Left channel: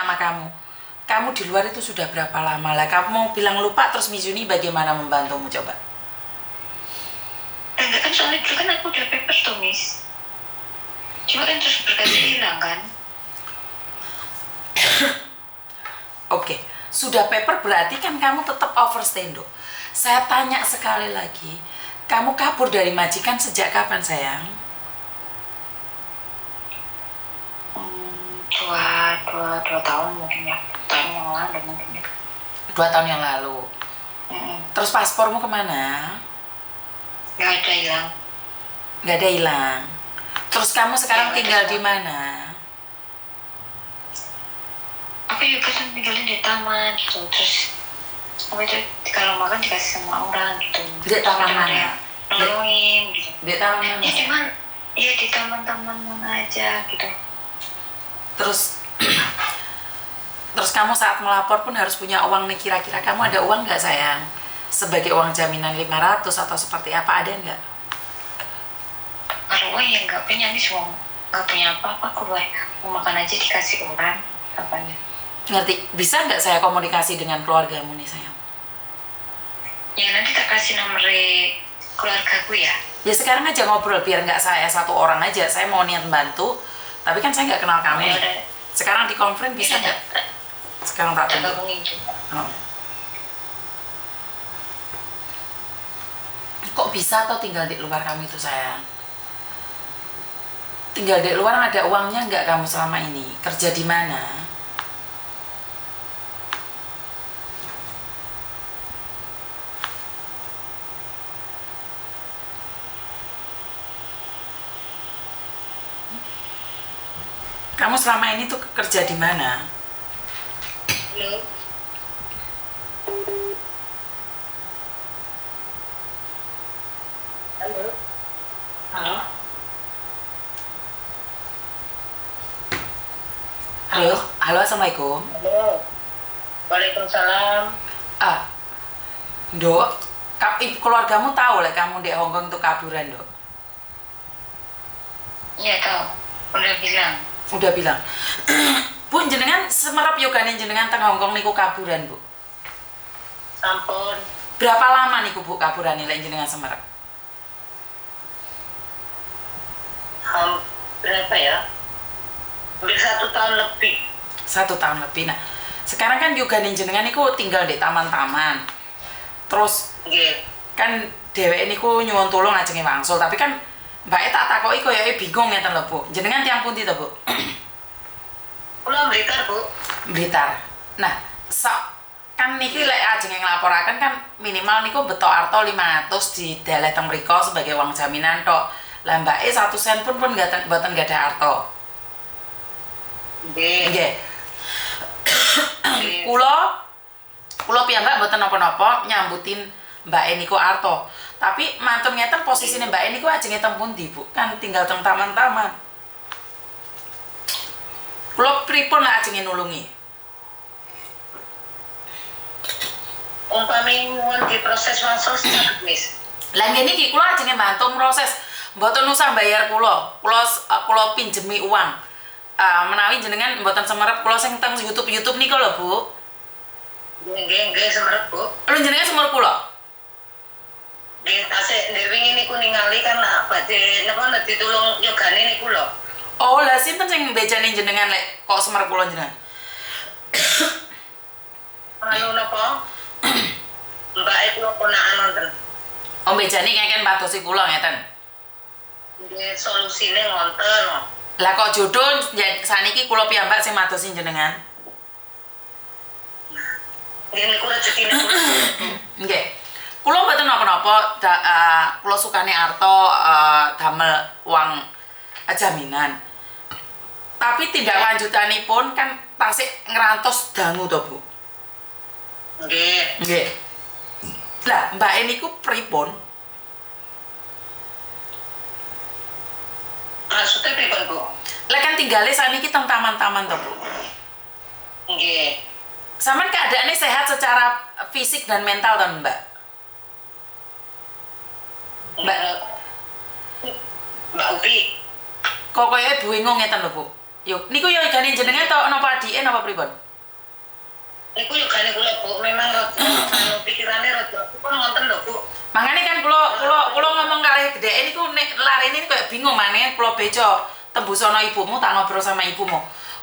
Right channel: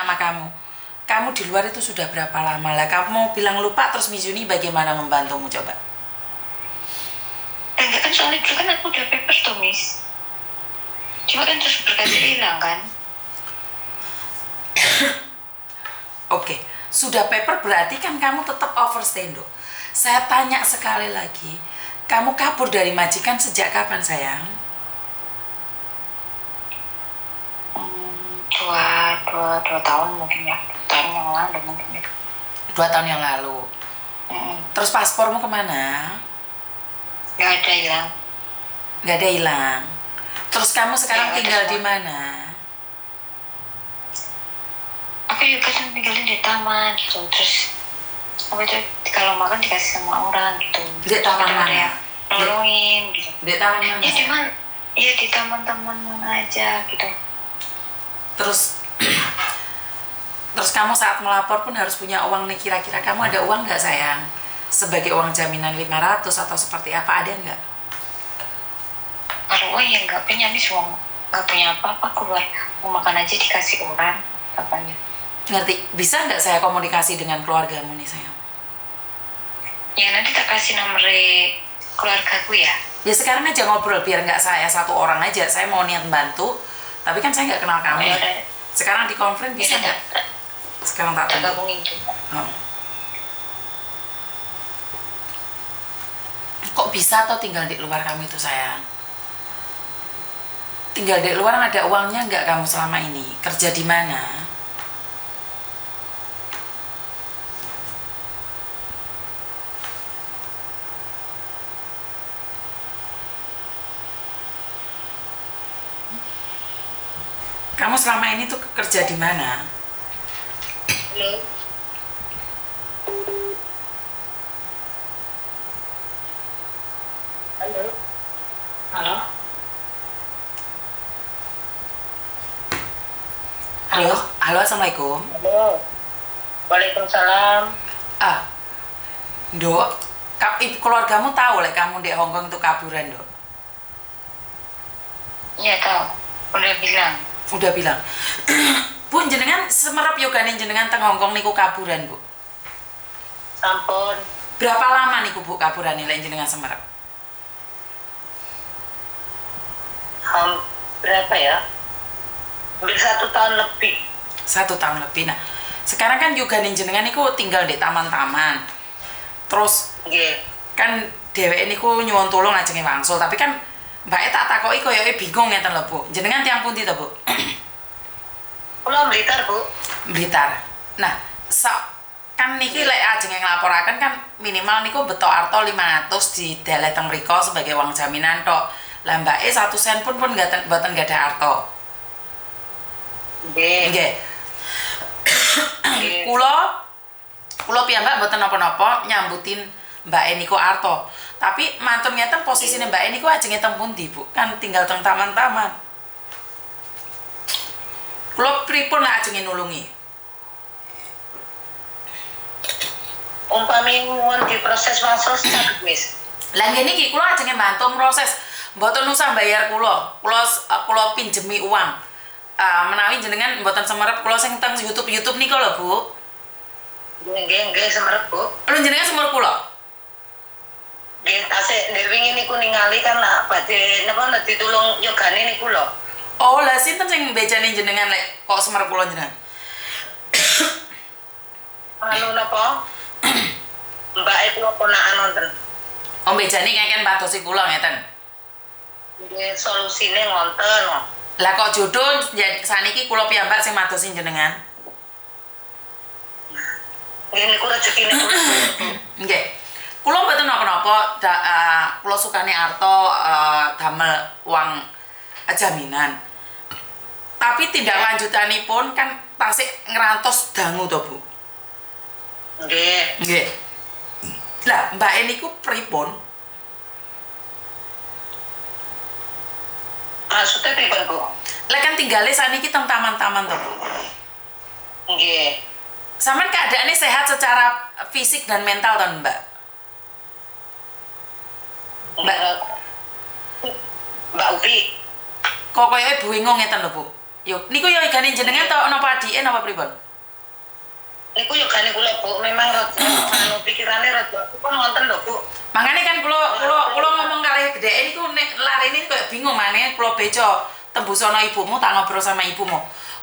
sama kamu. Kamu di luar itu sudah berapa lama lah? Kamu mau bilang lupa terus Miss Yuni bagaimana membantumu coba? Enggak kan soalnya dulu kan aku udah papers tuh Miss. Cuma kan terus berkasnya hilang kan. Oke, sudah paper berarti kan kamu tetap overstay, Dok. Saya tanya sekali lagi, kamu kabur dari majikan sejak kapan, sayang? Dua tahun mungkin ya. Tahun yang lalu mungkin ya. 2 tahun yang lalu. Terus paspormu kemana? Nggak ada hilang. Nggak ada hilang. Terus kamu sekarang tinggal di mana? Aku juga kan tinggalin di taman gitu. Terus aku juga kalau makan dikasih sama orang gitu. Di taman mana? Nolongin gitu. Di taman mana? Ya cuman ya di taman-taman mana aja gitu. Terus kamu saat melapor pun harus punya uang nih, kira-kira kamu ada uang nggak, sayang? Sebagai uang jaminan 500 atau seperti apa, ada nggak? Kalau uang yang nggak punya nih semua nggak punya apa-apa, keluar mau makan aja dikasih orang apanya. Ngerti? Bisa nggak saya komunikasi dengan keluargamu nih, sayang? Ya nanti tak kasih nomor keluargaku ya. Ya sekarang aja ngobrol, biar nggak saya satu orang aja. Saya mau niat bantu, tapi kan saya nggak kenal kamu nih. Sekarang di conference bisa nggak? Sekarang tak tunggu. Oh. Kok bisa atau tinggal di luar kamu itu, sayang? Tinggal di luar ada uangnya nggak kamu selama ini? Kerja di mana? Kamu selama ini tuh kerja di mana? Halo. Halo. Halo. Halo, halo, assalamualaikum. Halo. Waalaikumsalam. Dok, keluargamu tahu lah kamu di Hongkong itu kaburan, Dok? Iya tahu. Udah bilang. Udah bilang. Bu, jenengan semerap yogane jenengan teng Hongkong niku kaburan, Bu? Sampun. Berapa lama niku Bu kaburan nilai jenengan semerap? Berapa ya? Hampir 1 tahun lebih. 1 tahun lebih. Nah, sekarang kan yogane jenengan niku tinggal di taman-taman. Terus kan dheweke niku nyuwun tulung ajenge wangsul, tapi kan mbake tak takoki koyoke bingung ngeten lho, Bu. Jenengan tiyang pundi to, Bu? Kula Blitar, Bu. Blitar. Nah, kan niki lek ajeng nglaporaken kan minimal niku betok arto 500 di dalah teng mriko sebagai uang jaminan tok. Lah mbake 1 sen pun mboten gadah arto. Nggih. Kula piyambak mboten napa-napa nyambutin mbake niku arto. Tapi mantun ngeten posisine mbake niku ajenge teng pundi, Bu? Kan tinggal teng taman-taman. Kula pripun lek ajenge nulungi? Umpami nyuwun diproses wangsul sak wis. Lah ngene iki kula ajenge bantu proses. Mboten usah bayar kula. Kula pinjemi uang. Menawi jenengan mboten semerep kula sing teng YouTube niku lho, Bu. Nggih, semerep, Bu. Lho jenengan semerep kula? Nggih, tasik wingi niku ningali kan lah badhe napa ditulung yogane niku lho. Oh, lah sinten sing bejane jenengan lek kok semerep kula jenengan? Anu napa? Mbake kula ponakan wonten. Oh, bejane kengken padosi kula ngeten. Nggih, solusine ngonten. Lah kok jodoh saniki kula piyambak sing madosi jenengan? Nggih niku rezekine kula. Nggih. Kula mboten napa-napa, kula sukane arto damel uang jaminan. Tapi tindak lanjutanipun kan tasik ngrantos dangu to, Bu. Nggih. Lah, mbake niku pripun? Maksudnya pripun, Bu? Lek kan tinggale saniki teng taman-taman to, Bu. Nggih. Sampeyan keadaannya sehat secara fisik dan mental to, Mbak? Mbak Upi. Kok koyoke bingung ngeten lho, Bu. Yuk, niku yo igane jenengan to napa adike napa pripun? Niku yo gane kula Bu, memang anu pikirane rada kok ngonten lho Bu. Mangane kan kula ngomong kalih gedheke niku nek larene koyo bingung maneh kula beco tembus ana ibumu tak ngobrol sama ibumu.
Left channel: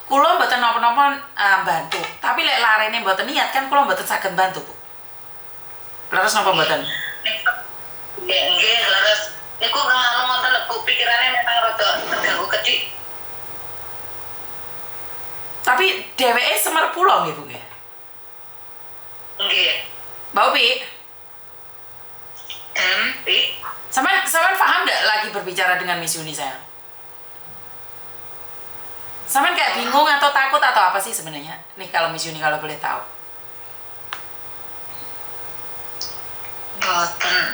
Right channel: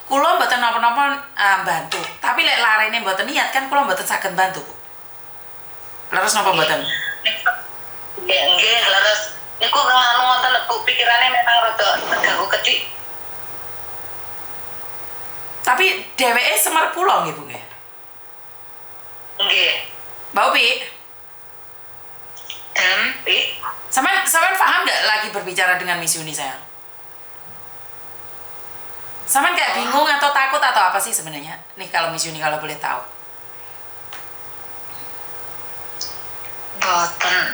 Kula mboten napa-napa bantu, tapi lek larene mboten niat kan kula mboten saged bantu, Bu. Leres napa mboten? Nggih, leres. Niku anu ngoten lho Bu, pikirane memang rada terganggu kedik. Tapi dheweke semer kula nggih, Bu nggih. Nggih. Mbak Upi, Pi. sampean paham nggak lagi berbicara dengan Miss Yuni sayang? Sampean kayak bingung atau takut atau apa sih sebenarnya? Nih kalau Miss Yuni kalau boleh tahu. Boten.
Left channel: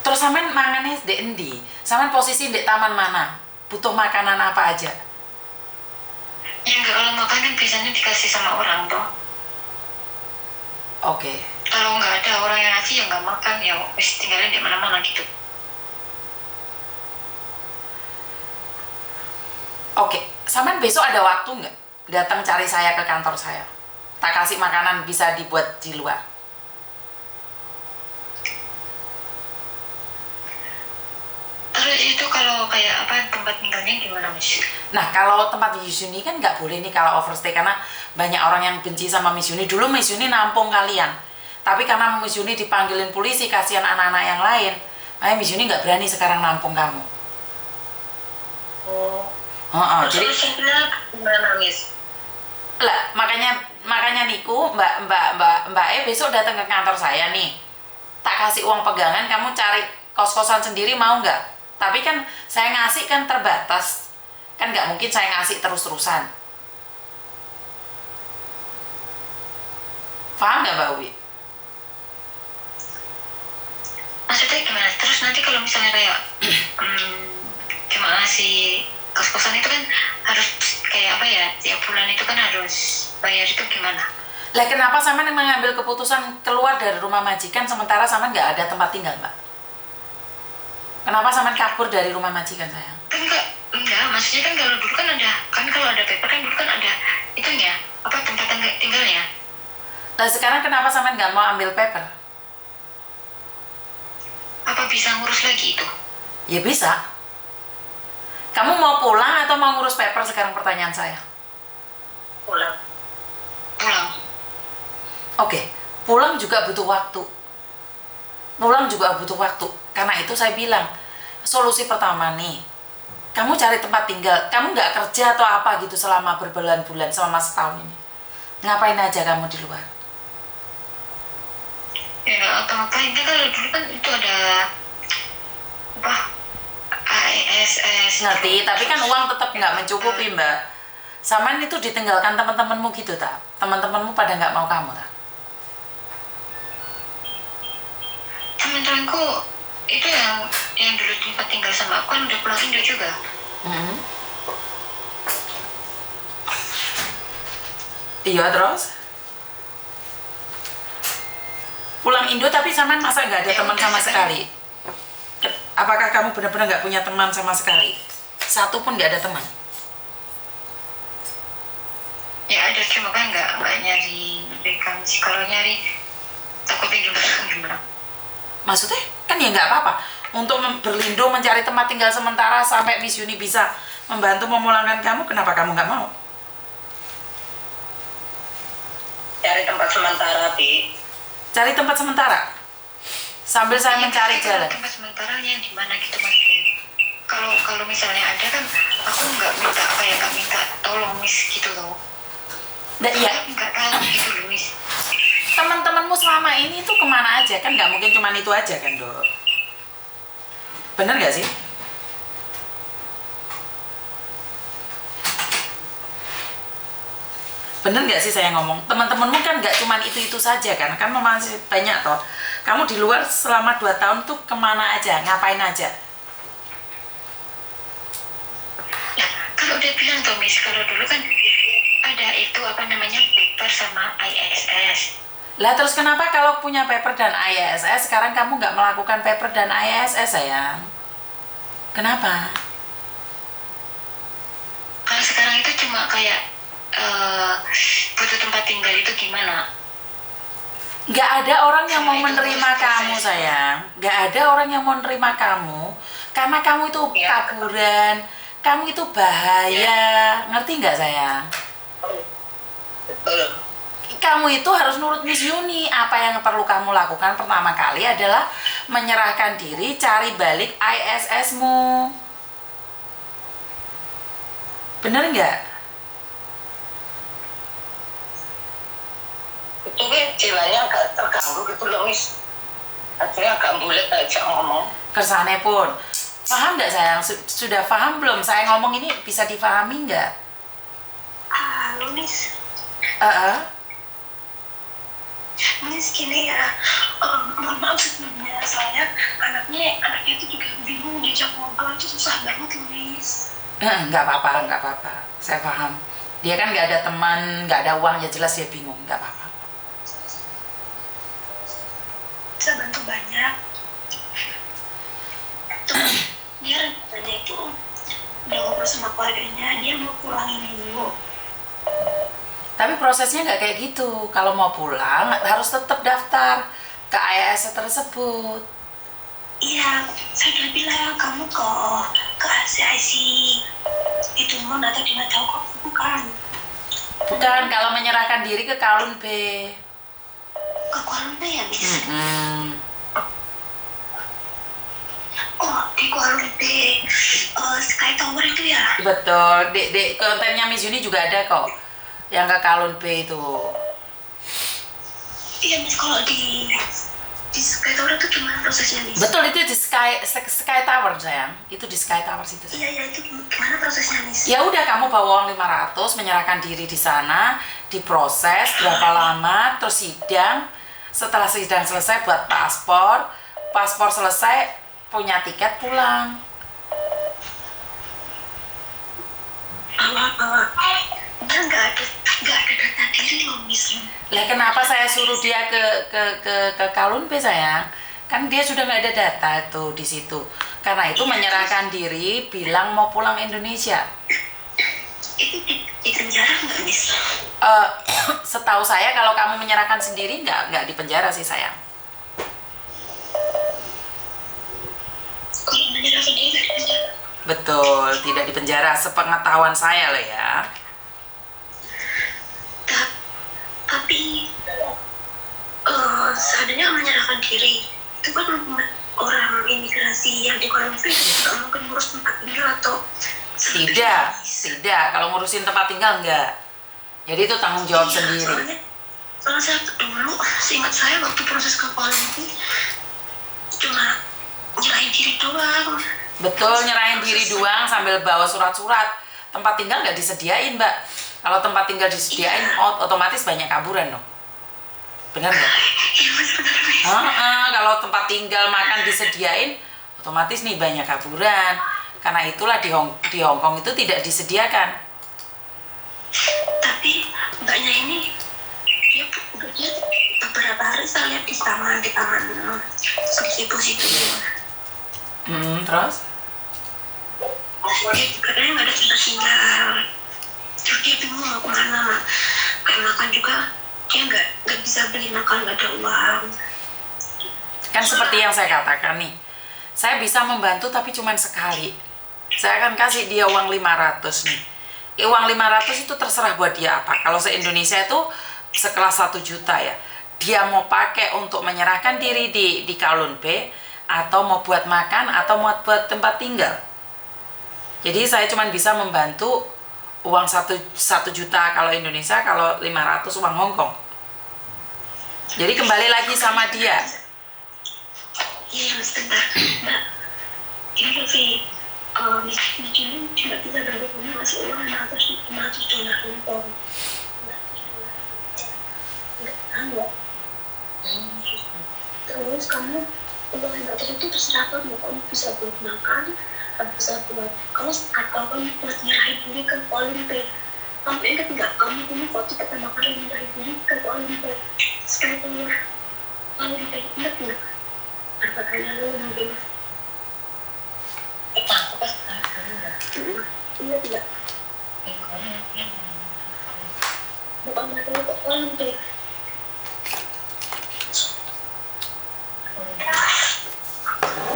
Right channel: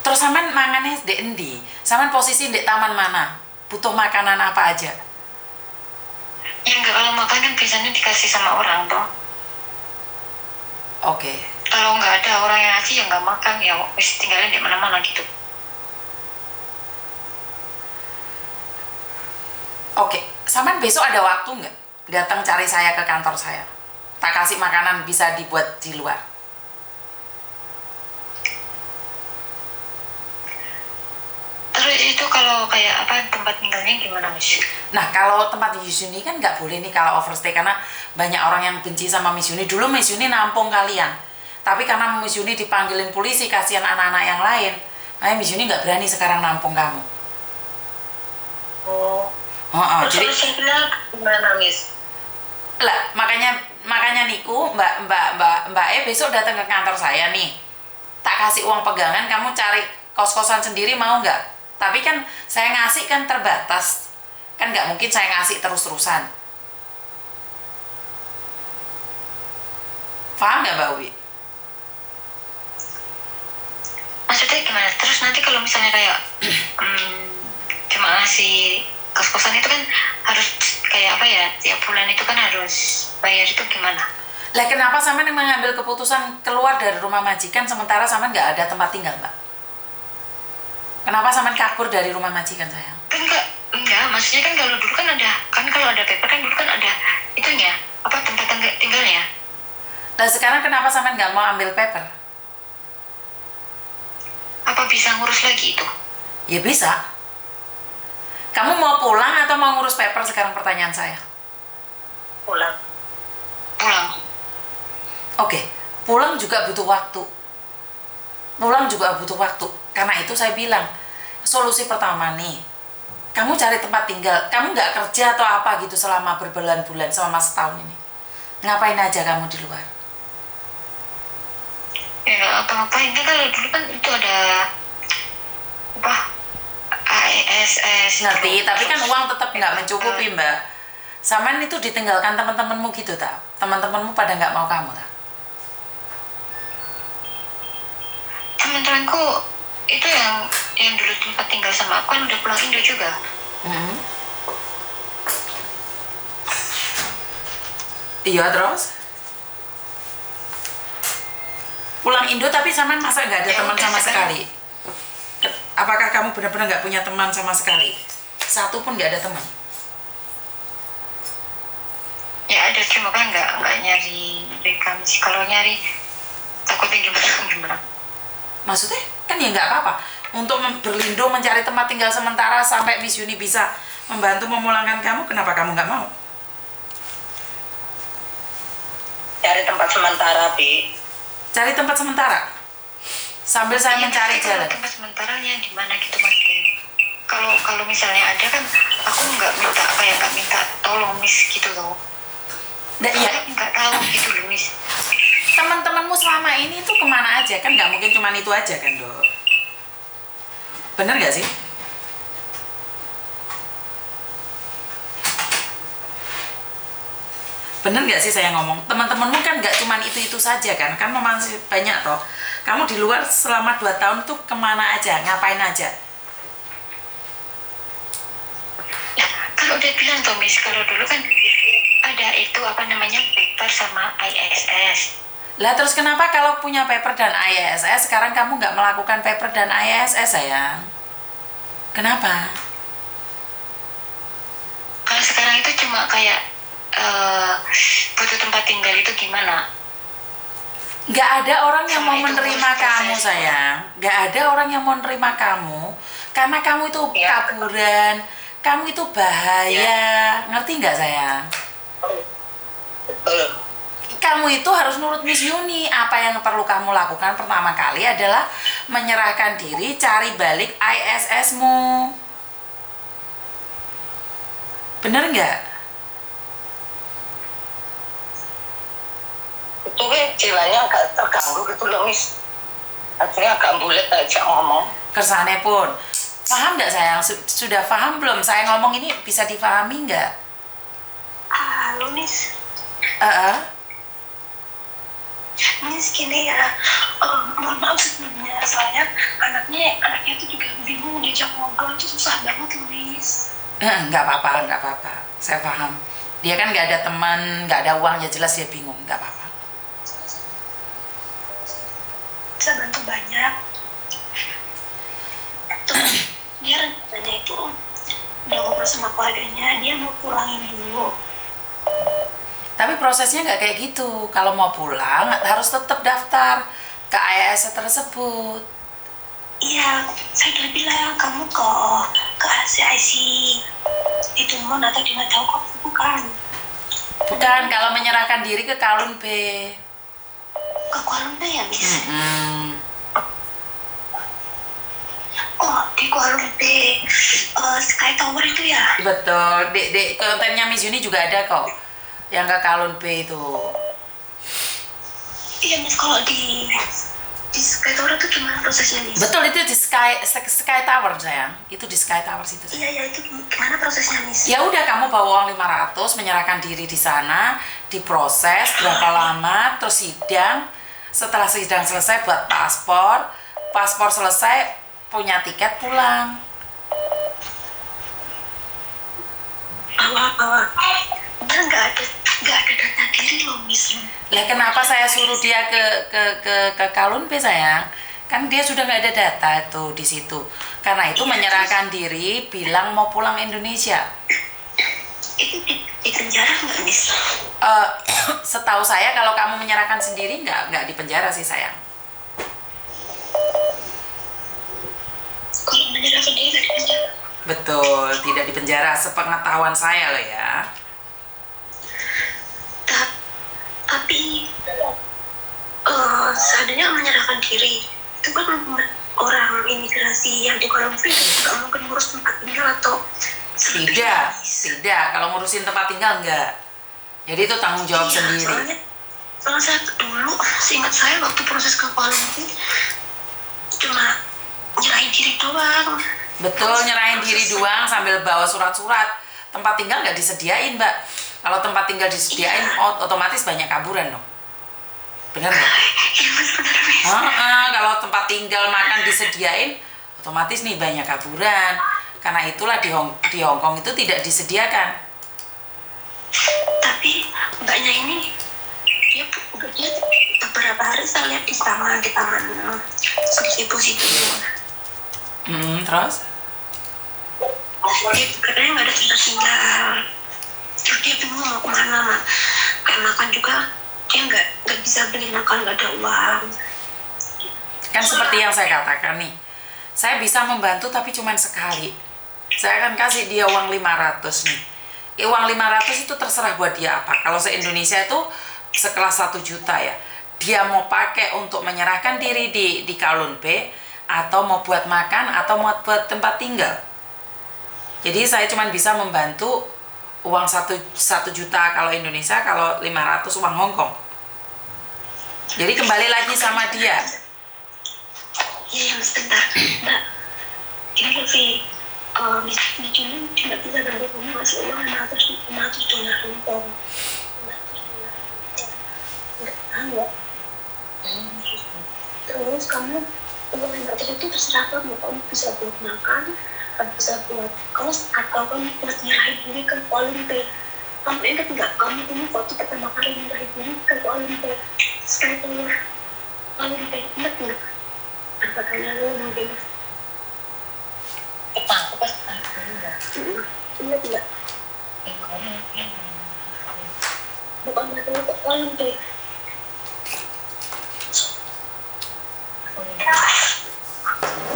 Terus sampean mangane ndek endi? Sampean posisi ndek taman mana? Butuh makanan apa aja? Ya enggak, kalau makan kan biasanya dikasih sama orang toh. Oke. Kalau nggak ada orang yang ngasih ya nggak makan, ya wis tinggalin di mana-mana gitu. Oke, sampean besok ada waktu nggak datang cari saya ke kantor saya? Tak kasih makanan bisa dibuat di luar. Terus itu kalau kayak apa tempat tinggalnya gimana Miss? Nah, kalau tempat di Miss Yuni kan nggak boleh nih kalau overstay karena banyak orang yang benci sama Miss Yuni. Dulu Miss Yuni nampung kalian, tapi karena Miss Yuni dipanggilin polisi kasihan anak-anak yang lain, makanya Miss Yuni nggak berani sekarang nampung kamu. Jadi gimana Miss? lah makanya niku Mbak besok datang ke kantor saya nih, tak kasih uang pegangan, kamu cari kos-kosan sendiri mau nggak? Tapi kan saya ngasih kan terbatas, kan nggak mungkin saya ngasih terus-terusan. Paham nggak Mbak Uwi? Maksudnya gimana? Terus nanti kalau misalnya kayak cuma ngasih kos-kosan itu kan harus kayak apa ya? Tiap bulan itu kan harus bayar, itu gimana? Lah kenapa sampean mengambil keputusan keluar dari rumah majikan sementara sampean nggak ada tempat tinggal, Mbak? Kenapa sampean kabur dari rumah majikan sayang? Kan enggak, maksudnya kan kalau dulu kan ada, kan kalau ada paper kan dulu kan ada itunya, apa tempat tinggalnya. Nah sekarang kenapa sampean nggak mau ambil paper? Apa bisa ngurus lagi itu? Ya bisa. Kamu mau pulang atau mau ngurus paper sekarang pertanyaan saya? Pulang. Oke, pulang juga butuh waktu. Karena itu saya bilang, solusi pertama nih, kamu cari tempat tinggal. Kamu nggak kerja atau apa gitu selama berbulan-bulan, selama setahun ini. Ngapain aja kamu di luar? Ya nggak apa-apain, kan kalau dulu kan itu ada apa ASS. Ngerti, tapi kan uang tetap nggak mencukupi Mbak. Saman itu ditinggalkan teman-temanmu gitu tak? Teman-temanmu pada nggak mau kamu tak? Teman-temanku itu yang dulu tempat tinggal sama aku kan udah pulang Indo juga. Iya terus? Pulang Indo tapi Saman masa nggak ada teman sama sekali? Apakah kamu benar-benar nggak punya teman sama sekali? Satu pun nggak ada teman? Ya ada, cuma kan nggak nyari mereka sih. Kalau nyari takutnya gimana? Maksudnya kan ya nggak apa-apa untuk berlindung mencari tempat tinggal sementara sampai Miss Yuni bisa membantu memulangkan kamu. Kenapa kamu nggak mau? Cari tempat sementara, Bi. Cari tempat sementara sambil saya mencari jalan. Tempat sementaranya di mana gitu Mas? Kalau misalnya ada kan aku nggak minta tolong Miss gitu loh. Iya. Nggak tahu gitu loh Miss. Teman-temanmu selama ini tuh kemana aja? Kan nggak mungkin cuma itu aja kan Dok? Bener nggak sih? Bener nggak sih saya ngomong? Teman-temanmu kan nggak cuma itu saja kan? Kan masih banyak toh. Kamu di luar selama 2 tahun tuh kemana aja? Ngapain aja? Ya, kalau udah bilang tuh Miss, kalau dulu kan ada itu apa namanya paper sama ISS. Lah terus kenapa kalau punya paper dan ISS sekarang kamu nggak melakukan paper dan ISS sayang? Kenapa? Kalau cuma kayak butuh tempat tinggal itu gimana? Nggak ada orang yang mau menerima kamu, sayang. Nggak ada orang yang mau menerima kamu karena kamu itu kaburan, kamu itu bahaya. Ngerti nggak, sayang? Betul. Kamu itu harus nurut Miss Yuni. Apa yang perlu kamu lakukan pertama kali adalah menyerahkan diri, cari balik ISS-mu. Bener nggak? Itu jiwanya agak terganggu gitu loh, Miss. Akhirnya agak bulat aja ngomong. Kersane pun. Paham nggak, sayang? Sudah paham belum? Saya ngomong ini bisa dipahami nggak? Halo, Miss. Miss gini ya, mohon maaf sebelumnya, soalnya anaknya itu juga bingung diajak ngobrol, itu susah banget loh, Miss. Nggak apa-apa. Saya paham. Dia kan nggak ada teman, nggak ada uang, ya jelas dia bingung. Nggak apa-apa. Bisa bantu banyak. Terus dia rencananya itu udah ngobrol sama keluarganya, dia mau pulangin dulu. Tapi prosesnya nggak kayak gitu. Kalau mau pulang harus tetap daftar ke IAS tersebut. Iya, saya udah bilang kamu ke ACIC itu mon atau dia nggak tahu kok bukan. Bukan, kalau menyerahkan diri ke Kowloon B. Ke Kuala Lumpur ya, Miss? Oh, di Kuala Lumpur, Sky Tower itu ya? Betul, dek kontennya Miss Yuni juga ada kok. Yang ke Kowloon B itu. Iya, Miss, kalau di Sky Tower itu gimana prosesnya, Miss? Betul, itu di Sky Tower, sayang. Itu di Sky Tower situ. Iya, itu gimana prosesnya, Miss? Ya udah, kamu bawa uang 500, menyerahkan diri di sana, diproses berapa lama, terus sidang. Setelah sidang selesai buat paspor selesai, punya tiket pulang. Dia nggak ada data diri loh, Miss. Lah kenapa saya suruh dia ke Kowloon B, sayang? Kan dia sudah nggak ada data tuh di situ. Karena itu menyerahkan diri, bilang mau pulang Indonesia. Itu di penjara nggak, Miss? Setahu saya kalau kamu menyerahkan sendiri nggak di penjara sih, sayang. Kalau menyerahkan diri nggak di penjara? Betul, tidak di penjara. Sepengetahuan saya loh ya. Tapi seandainya menyerahkan diri itu kan orang imigrasi yang di Kuala Lumpur nggak mungkin ngurus tempat tinggal atau tidak. Kalau ngurusin tempat tinggal enggak. Jadi itu tanggung jawab sendiri. Soalnya saya dulu, seingat saya waktu proses ke Kuala Lumpur cuma nyerahin diri doang. Betul, nyerahin diri doang sambil bawa surat-surat. Tempat tinggal nggak disediain, Mbak. Kalau tempat tinggal disediain, otomatis banyak kaburan dong. Bener nggak? Iya, benar. Kalau tempat tinggal makan disediain, otomatis nih banyak kaburan. Karena itulah di Hong Kong itu tidak disediakan. Tapi mbaknya ini, dia beberapa hari saya lihat di taman situ. Terus? Dia katanya nggak ada tempat tinggal. Terus dia bingung mau kemana, Mak. Kayak makan juga dia nggak bisa beli makan, nggak ada uang. Kan seperti yang saya katakan nih, saya bisa membantu tapi cuma sekali. Saya akan kasih dia uang 500 nih. Uang 500 itu terserah buat dia apa. Kalau se-Indonesia itu sekelas 1 juta ya. Dia mau pakai untuk menyerahkan diri di Kowloon B, atau mau buat makan, atau mau buat tempat tinggal. Jadi saya cuma bisa membantu uang 1 juta kalau Indonesia, kalau 500 uang Hong Kong. Jadi kembali lagi sama dia. Iya, sebentar. Mbak, ini lebih Miss cuma bisa bantu kamu ngasih uang 500 dolar Hong Kong. Terus kamu uang 500 itu terserah kamu bisa buat makan, bisa buat atau kamu buat nyerahin diri ke Kuala Lumpur. Kamu ingat nggak, kamu ini waktu pertama kali nyerahin diri ke Kuala Lumpur sekarang Kuala Lumpur, ingat nggak? Apa kalian lu mungkin aku pas ingat nggak? Bukan bantu ke kolom deh.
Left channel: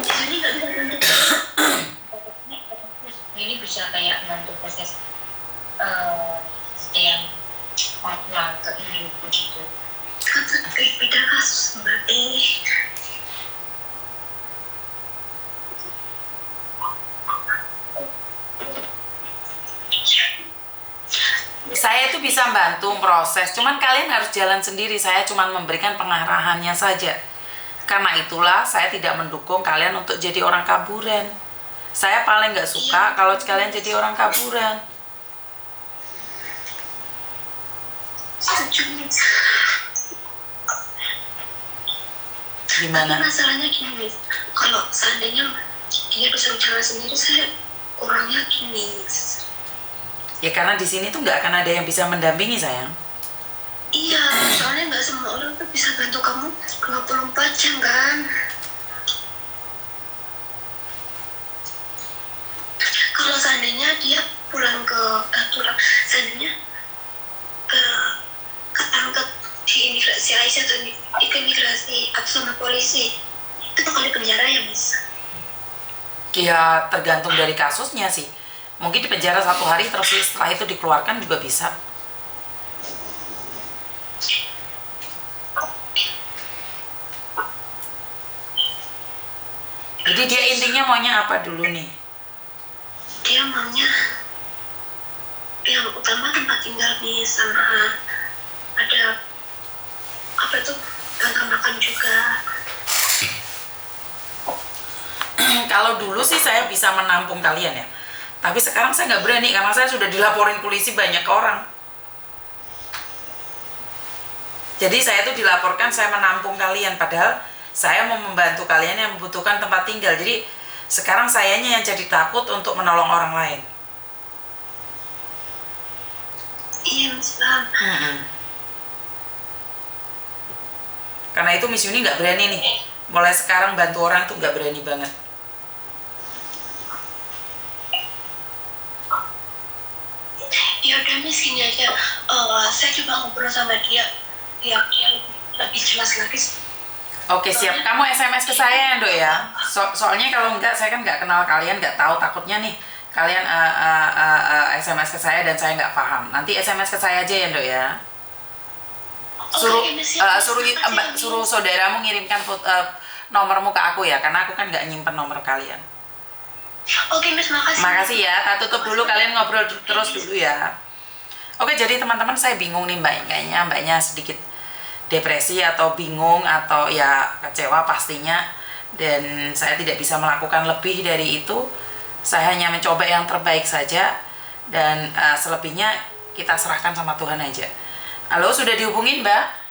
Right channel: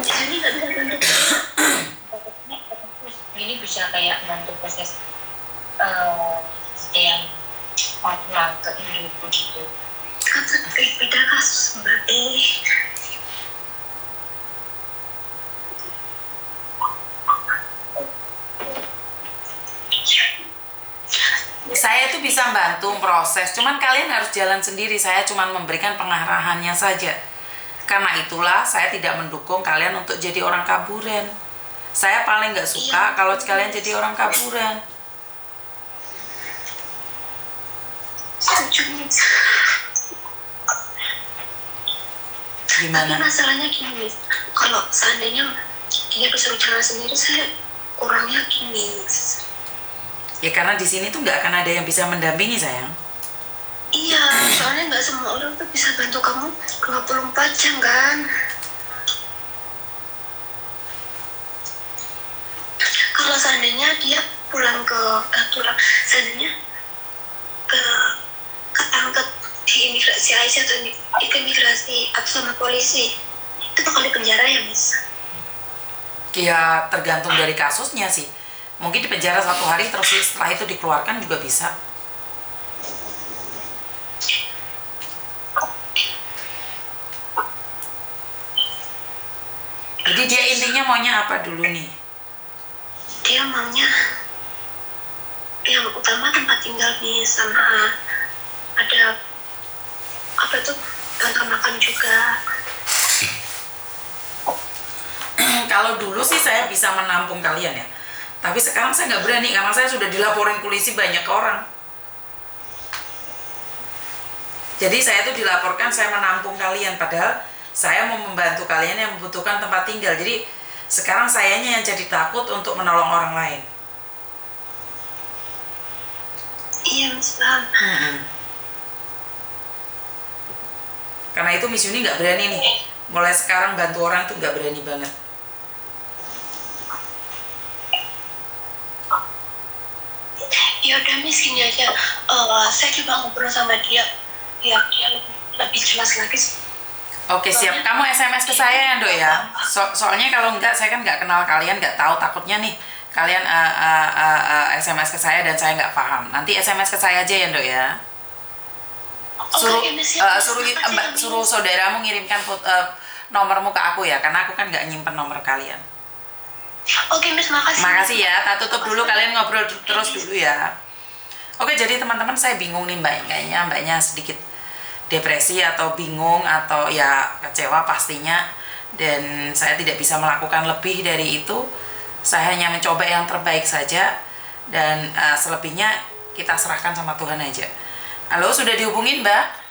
Jadi nggak bisa bantu. Ini bisa kayak bantu proses yang pulang ke Indo gitu. Kan beda kasus mbak ini. Saya itu bisa bantu proses, cuman kalian harus jalan sendiri. Saya cuman memberikan pengarahannya saja. Karena itulah saya tidak mendukung kalian untuk jadi orang kaburan. Saya paling nggak suka kalau kalian jadi orang kaburan. Gimana? Tapi masalahnya gini, Miss. Kalau seandainya dia disuruh jalan sendiri, saya kurang yakin, Miss. Ya karena di sini tuh nggak akan ada yang bisa mendampingi sayang. Iya, soalnya nggak semua orang tuh bisa bantu kamu 24 jam kan. Kalau seandainya dia pulang seandainya ketangkep di imigrasi Aisyah atau imigrasi atau sama polisi, itu bakal dipenjara ya, Miss? Ya tergantung dari kasusnya sih. Mungkin di penjara 1 hari terus setelah itu dikeluarkan juga bisa. Jadi dia intinya maunya apa dulu nih? Dia maunya yang utama tempat tinggal nih, sama ada apa tuh, bantuan makan juga. Kalau dulu sih saya bisa menampung kalian ya. Tapi sekarang saya nggak berani karena saya sudah dilaporin polisi banyak orang. Jadi saya tuh dilaporkan saya menampung kalian, padahal saya mau membantu kalian yang membutuhkan tempat tinggal. Jadi sekarang sayanya yang jadi takut untuk menolong orang lain. Iya, Mas, paham. Karena itu Miss Yuni nggak berani nih. Mulai sekarang bantu orang tuh nggak berani banget. Ya udah, Miss, gini aja. Saya coba ngobrol sama dia biar dia lebih jelas lagi. Oke, siap. Kamu SMS ke saya ya, Dok ya. Soalnya kalau enggak, saya kan nggak kenal kalian, nggak tahu. Takutnya nih kalian SMS ke saya dan saya nggak paham. Nanti SMS ke saya aja ya, Dok ya. Suruh saudaramu ngirimkan nomormu ke aku ya, karena aku kan nggak nyimpen nomor kalian. Oke, Miss, makasih. Makasih ya. Tak tutup dulu, kalian ngobrol terus dulu ya. Oke, jadi teman-teman, saya bingung nih Mbak. Kayaknya Mbaknya sedikit depresi atau bingung atau ya kecewa pastinya. Dan saya tidak bisa melakukan lebih dari itu. Saya hanya mencoba yang terbaik saja. Dan selebihnya kita serahkan sama Tuhan aja. Halo, sudah dihubungin Mbak?